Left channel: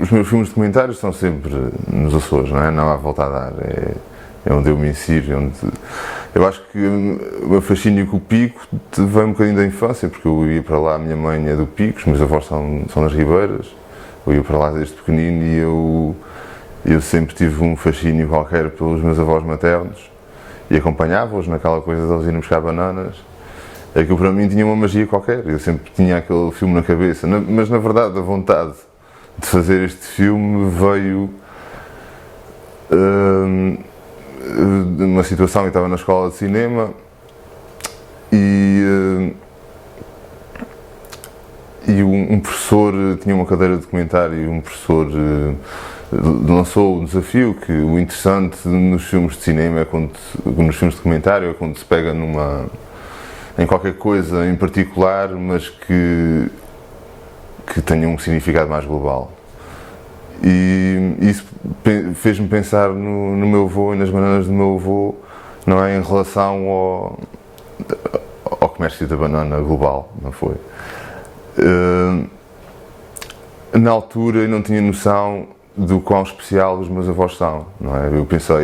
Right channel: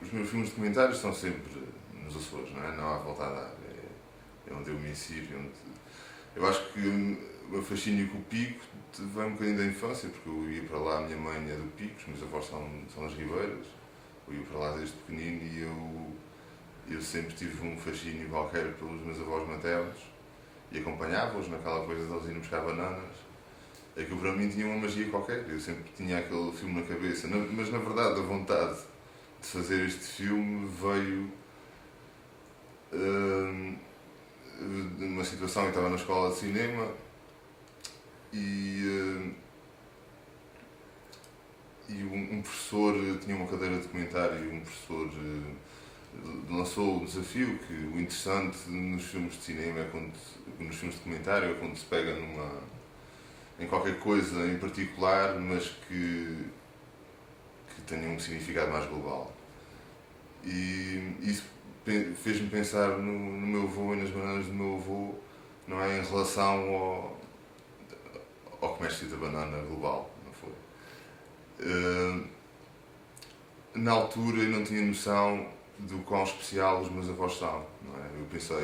os meus filmes documentários são sempre nos Açores, não é? Não há volta a dar. É onde eu me insiro. Eu acho que o meu fascínio com o Pico vem um bocadinho da infância, porque eu ia para lá, a minha mãe é do Pico, os meus avós são das Ribeiras, eu ia para lá desde pequenino e eu sempre tive um fascínio qualquer pelos meus avós maternos e acompanhava-os naquela coisa de eles irem buscar bananas. Aquilo para mim tinha uma magia qualquer, eu sempre tinha aquele filme na cabeça, mas na verdade a vontade de fazer este filme veio de uma situação que estava na escola de cinema e um professor tinha uma cadeira de documentário e um professor lançou o desafio que o interessante nos filmes de cinema, nos filmes de documentário, é quando se pega em qualquer coisa em particular, mas que tenha um significado mais global. E isso fez-me pensar no meu avô e nas bananas do meu avô, não é, em relação ao comércio da banana global, não foi? Na altura eu não tinha noção do quão especial os meus avós são, não é?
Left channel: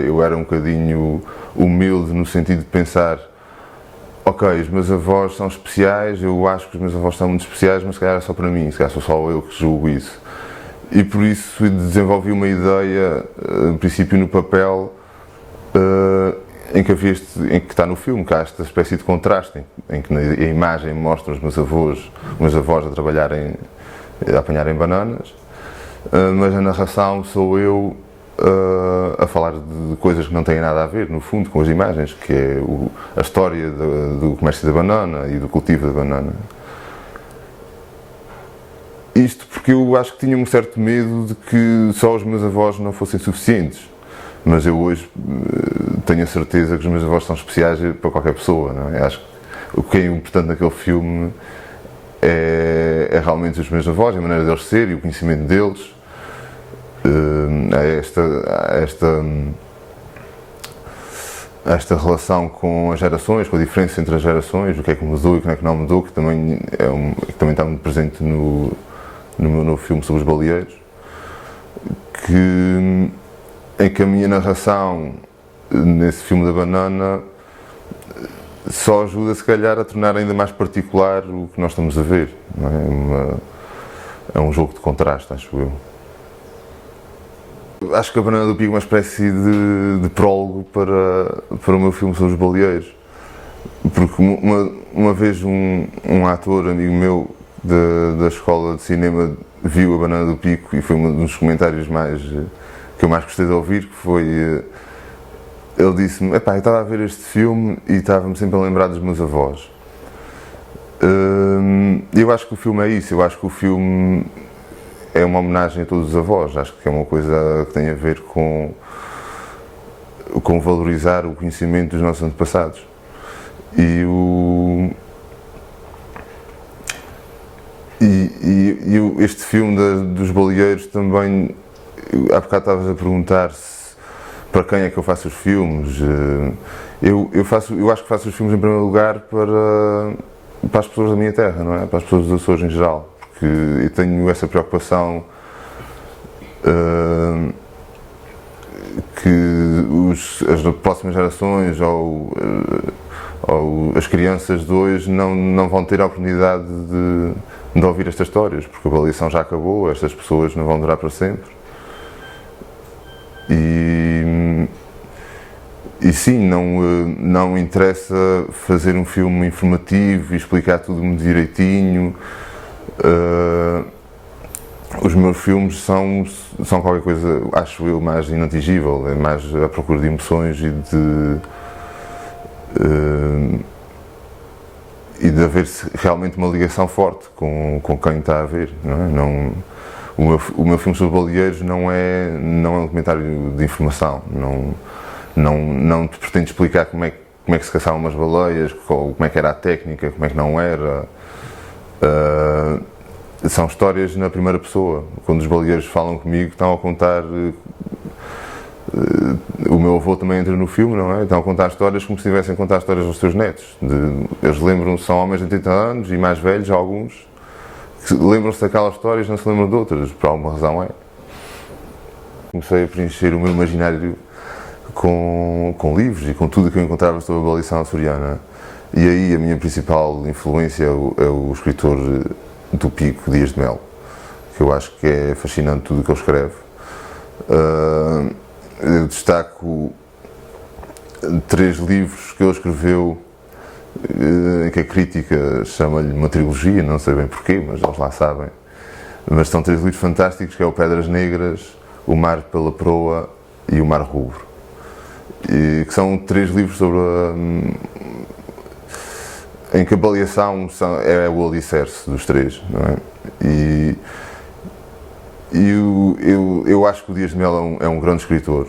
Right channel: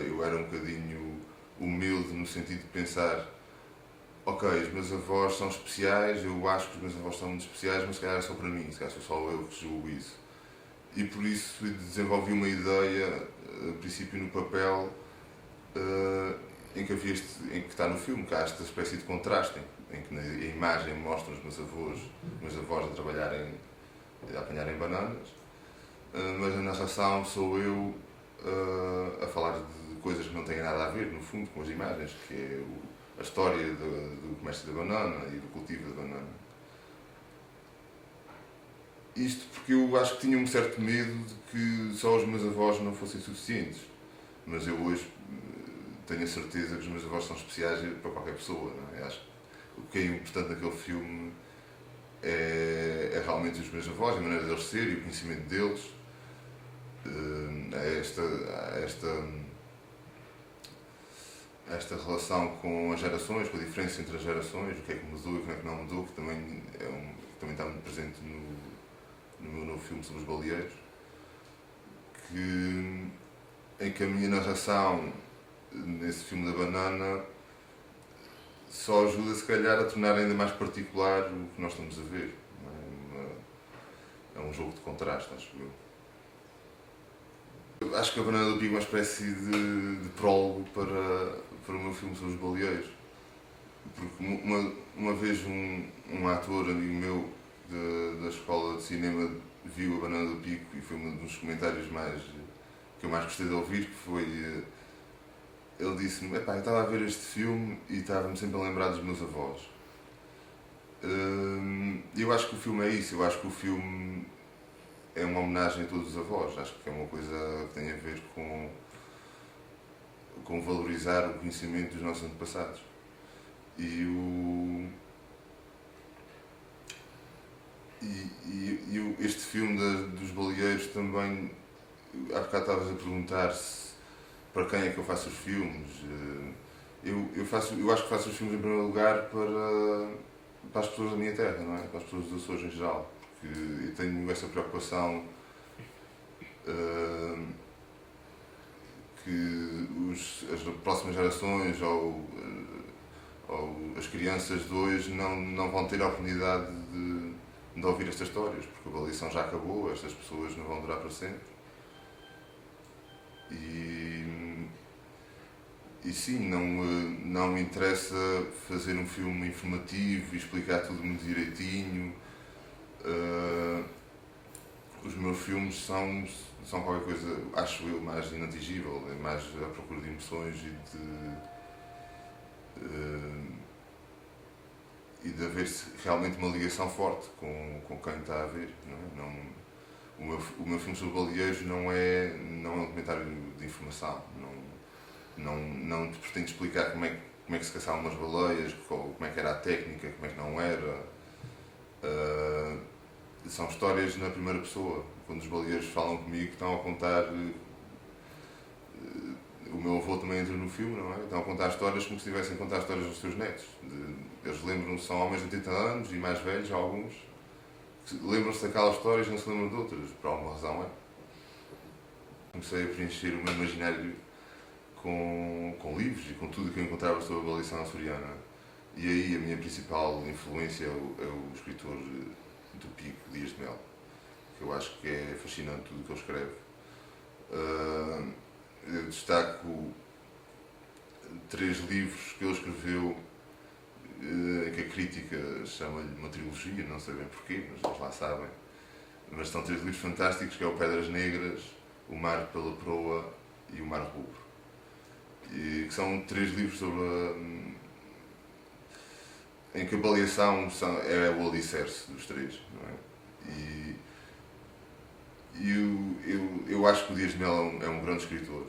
Eu era um bocadinho humilde no sentido de pensar, ok, os meus avós são especiais, eu acho que os meus avós são muito especiais, mas se calhar é só para mim, se calhar sou só eu que julgo isso. E por isso desenvolvi uma ideia, no princípio no papel, em que está no filme, que há esta espécie de contraste, em que a imagem mostra os meus avós a trabalharem, a apanharem bananas, mas a narração sou eu a falar de coisas que não têm nada a ver, no fundo, com as imagens, que é a história do comércio da banana e do cultivo da banana. Isto porque eu acho que tinha um certo medo de que só os meus avós não fossem suficientes, mas eu hoje tenho a certeza que os meus avós são especiais para qualquer pessoa, não é? Acho que o que é importante naquele filme é realmente os meus avós, a maneira deles ser e o conhecimento deles. Esta relação com as gerações, com a diferença entre as gerações, o que é que mudou e o que é que não mudou, que também está muito presente no meu novo filme sobre os baleeiros, em que a minha narração nesse filme da banana só ajuda, se calhar, a tornar ainda mais particular o que nós estamos a ver, não é? É um jogo de contraste, acho eu. Acho que a Banana do Pico é uma espécie de prólogo para o meu filme sobre os baleeiros, porque uma vez um ator, amigo meu da escola de cinema, viu a Banana do Pico e foi um dos comentários que eu mais gostei de ouvir, que foi, ele disse-me, epá, eu estava a ver este filme e estava-me sempre a lembrar dos meus avós. Eu acho que o filme é isso, eu acho que o filme é uma homenagem a todos os avós, acho que é uma coisa que tem a ver com valorizar o conhecimento dos nossos antepassados. Este filme dos baleeiros também, há bocado estavas a perguntar-se para quem é que eu faço os filmes. Eu acho que faço os filmes em primeiro lugar para as pessoas da minha terra, não é? Para as pessoas dos Açores em geral, porque eu tenho essa preocupação que as próximas gerações ou as crianças de hoje não vão ter a oportunidade de ouvir estas histórias, porque a baleação já acabou, estas pessoas não vão durar para sempre. E sim, não interessa fazer um filme informativo e explicar tudo muito direitinho. Os meus filmes são qualquer coisa, acho eu, mais inatingível, é mais à procura de emoções e de haver realmente uma ligação forte com quem está a ver, não é? O meu filme sobre baleeiros não é um documentário de informação, não te pretende explicar como é que se caçavam umas baleias, como é que era a técnica, como é que não era. São histórias na primeira pessoa. Quando os baleeiros falam comigo, estão a contar. O meu avô também entra no filme, não é? Estão a contar histórias como se estivessem a contar histórias aos seus netos. Eles lembram-se, são homens de 80 anos e mais velhos, alguns, que lembram-se daquelas histórias e não se lembram de outras, por alguma razão é. comecei a preencher o meu imaginário com livros e com tudo o que eu encontrava sobre a baleação açoriana. E aí a minha principal influência é o escritor do Pico, Dias de Mel, que eu acho que é fascinante tudo o que ele escreve. Eu destaco 3 livros que ele escreveu, que a crítica chama-lhe uma trilogia, não sei bem porquê, mas eles lá sabem. Mas são 3 livros fantásticos, que é o Pedras Negras, O Mar pela Proa e O Mar Rubro. E que são 3 livros sobre em que a baleação é o alicerce dos 3, não é? E eu acho que o Dias de Mel é um grande escritor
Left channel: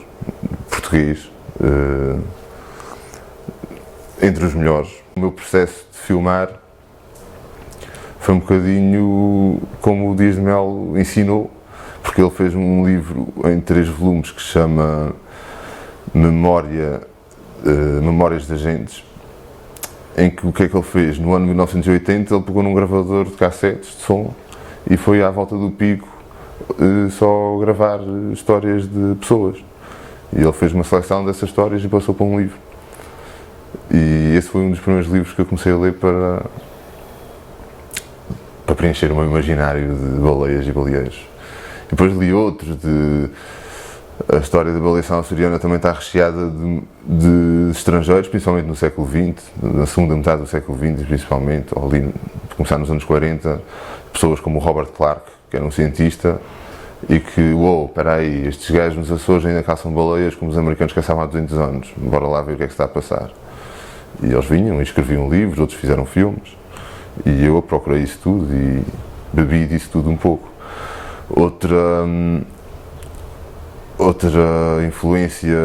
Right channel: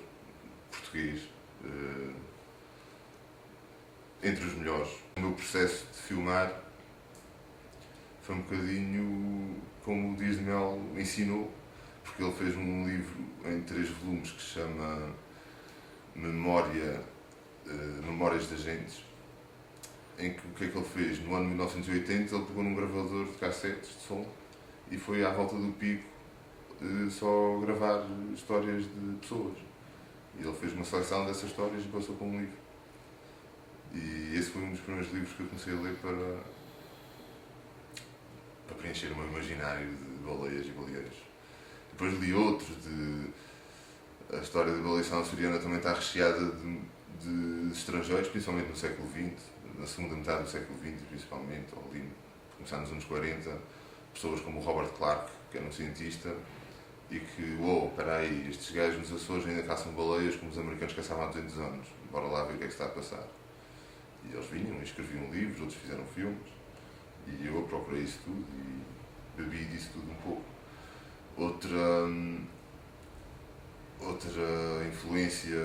português, entre os melhores. O meu processo de filmar foi um bocadinho como o Dias de Mel ensinou, porque ele fez um livro em 3 volumes que se chama Memórias de Agentes, em que o que é que ele fez? No ano 1980 ele pegou num gravador de cassetes de som e foi à volta do Pico só gravar histórias de pessoas. E ele fez uma seleção dessas histórias e passou para um livro. E esse foi um dos primeiros livros que eu comecei a ler para preencher o meu imaginário de baleias e baleeiros. E depois li outros a história da baleação açoriana também está recheada de estrangeiros, principalmente no século XX, na segunda metade do século XX, principalmente, ou ali, começar nos anos 40, pessoas como o Robert Clark, que era um cientista, e que, espera aí, estes gajos nos Açores ainda caçam baleias como os americanos caçavam há 200 anos, bora lá ver o que é que está a passar. E eles vinham e escreviam livros, outros fizeram filmes, e eu procurei isso tudo e bebi disso tudo um pouco. Outra influência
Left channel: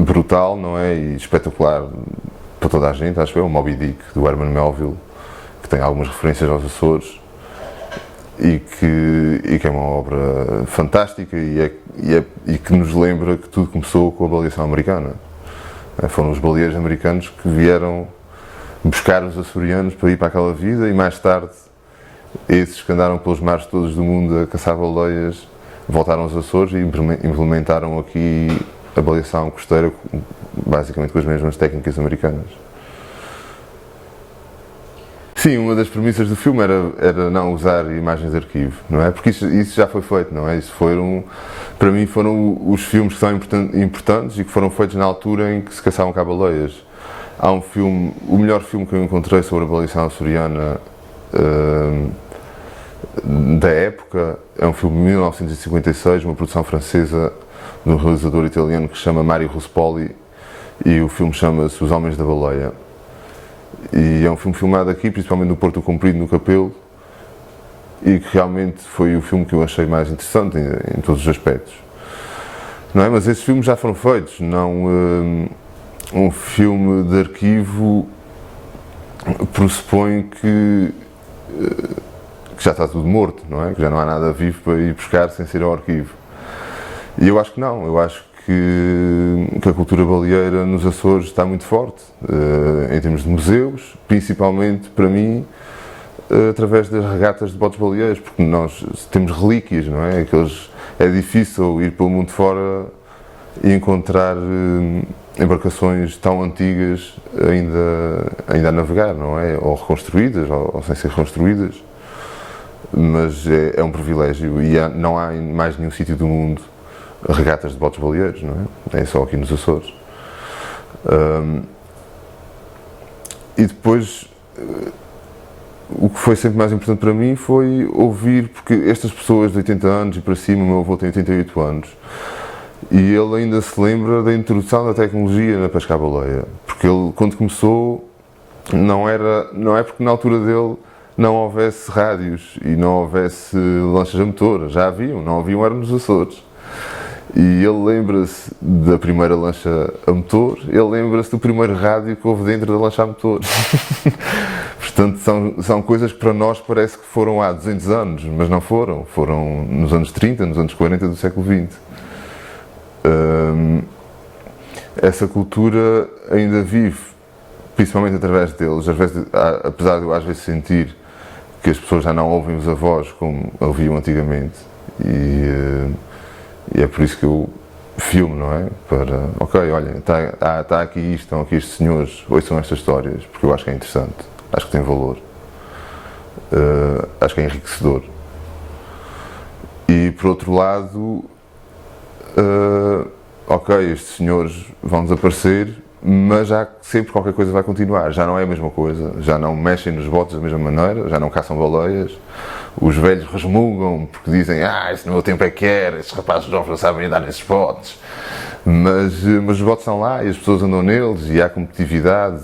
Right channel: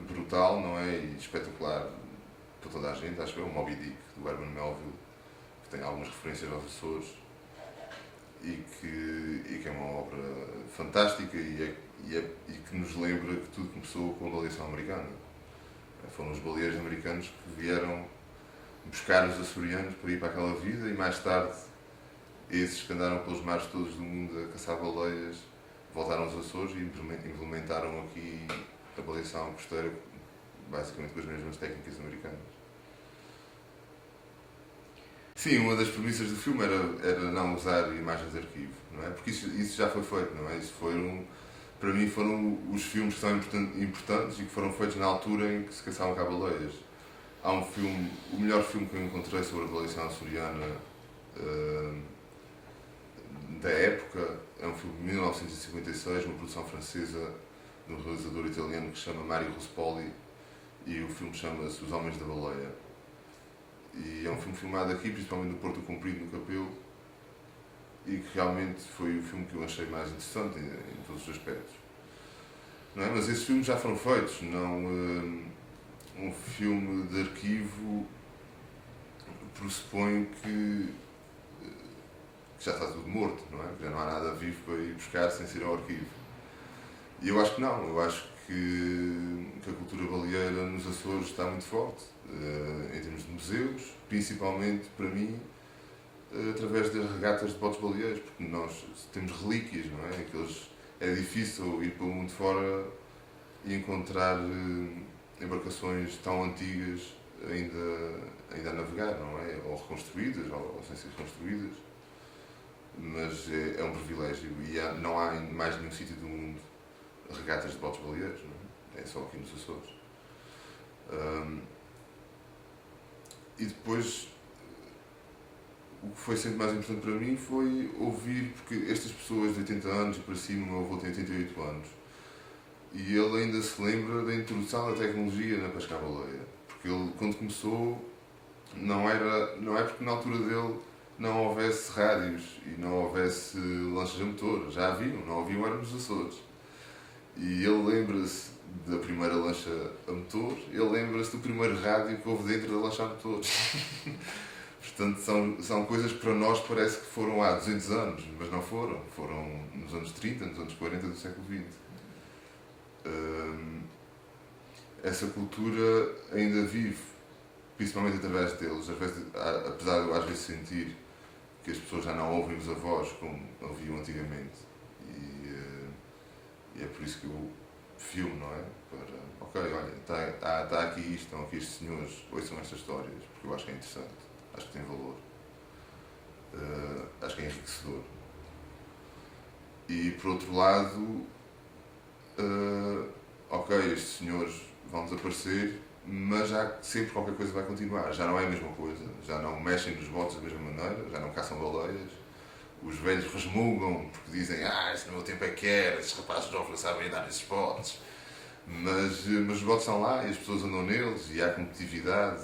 brutal, não é, e espetacular para toda a gente, acho que é o Moby Dick, do Herman Melville, que tem algumas referências aos Açores e que é uma obra fantástica e que nos lembra que tudo começou com a baleação americana. Foram os baleeiros americanos que vieram buscar os açorianos para ir para aquela vida, e mais tarde esses que andaram pelos mares todos do mundo a caçar baleias voltaram aos Açores e implementaram aqui a baleação costeira, basicamente com as mesmas técnicas americanas. Sim, uma das premissas do filme era não usar imagens de arquivo, não é? Porque isso já foi feito, não é? Para mim foram os filmes que são importantes e que foram feitos na altura em que se caçavam cá baleias. Há um filme, o melhor filme que eu encontrei sobre a baleação açoriana da época, é um filme de 1956, uma produção francesa de um realizador italiano que se chama Mario Ruspoli, e o filme chama-se Os Homens da Baleia. E é um filme filmado aqui, principalmente no Porto Comprido, no Capelo, e que realmente foi o filme que eu achei mais interessante em todos os aspectos. Não é? Mas esses filmes já foram feitos, não um filme de arquivo pressupõe que já está tudo morto, não é? Que já não há nada vivo para ir buscar sem ser ao arquivo. E eu acho que não, eu acho que a cultura baleeira nos Açores está muito forte, em termos de museus, principalmente para mim, através das regatas de botes baleeiros, porque nós temos relíquias, não é? É difícil ir pelo mundo fora e encontrar embarcações tão antigas ainda a navegar, não é? Ou reconstruídas, ou sem ser reconstruídas, mas é um privilégio e não há em mais nenhum sítio do mundo regatas de botes baleeiros, não é? É só aqui nos Açores. E depois, o que foi sempre mais importante para mim foi ouvir, porque estas pessoas de 80 anos e para cima, o meu avô tem 88 anos, e ele ainda se lembra da introdução da tecnologia na pesca à baleia, porque ele, quando começou, não é porque na altura dele não houvesse rádios e não houvesse lanchas a motor, já haviam, não haviam, eram nos Açores. E ele lembra-se da primeira lancha a motor, ele lembra-se do primeiro rádio que houve dentro da lancha a motor. Portanto, são coisas que para nós parece que foram há 200 anos, mas não foram. Foram nos anos 30, nos anos 40 do século XX. Essa cultura ainda vive, principalmente através deles, apesar de eu às vezes sentir que as pessoas já não ouvem os avós como ouviam antigamente. E é por isso que eu filme, não é? Para, ok, olha, está aqui isto, estão aqui estes senhores, ouçam estas histórias, porque eu acho que é interessante, acho que tem valor, acho que é enriquecedor. E por outro lado, ok, estes senhores vão desaparecer, mas já sempre qualquer coisa vai continuar, já não é a mesma coisa, já não mexem nos botes da mesma maneira, já não caçam baleias, os velhos resmungam porque dizem, isso no meu tempo é que era, esses rapazes jovens não sabem andar nesses botes, mas os botes estão lá e as pessoas andam neles e há competitividade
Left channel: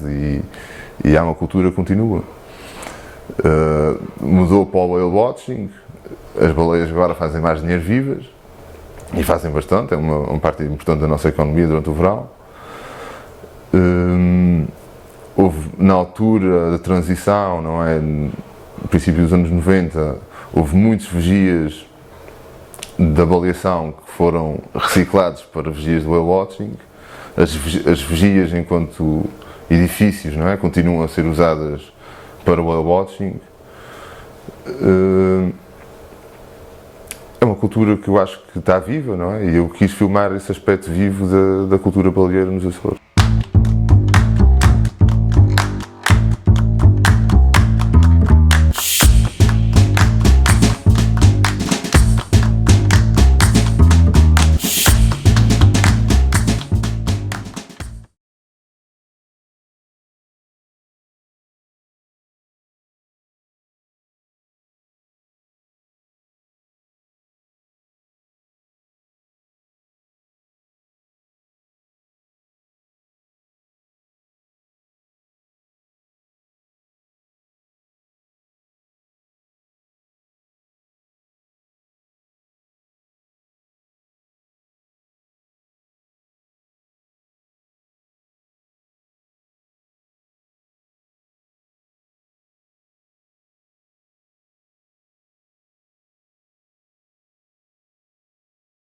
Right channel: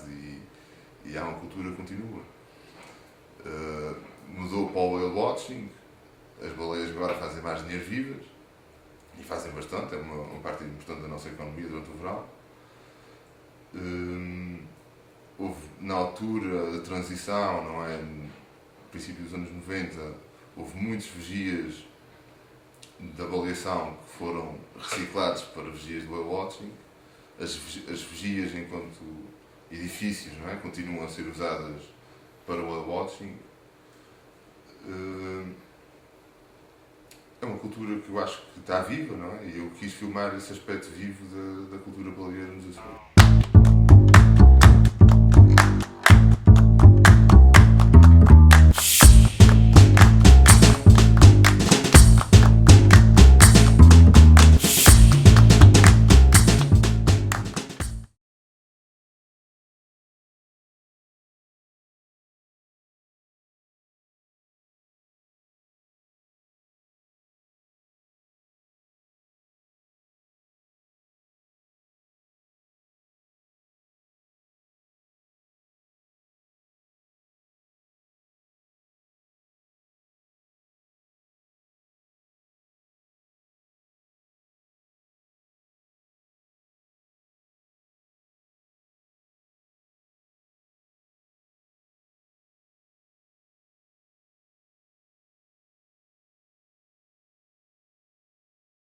e há uma cultura que continua. Mudou para o whale watching, as baleias agora fazem mais dinheiro vivas e fazem bastante, é uma parte importante da nossa economia durante o verão. Houve, na altura da transição, não é, no princípio dos anos 90, houve muitos vigias da baleação que foram reciclados para vigias do whale watching. As vigias enquanto edifícios, não é, continuam a ser usadas para o whale watching. É uma cultura que eu acho que está viva, não é? E eu quis filmar esse aspecto vivo da cultura baleeira nos Açores.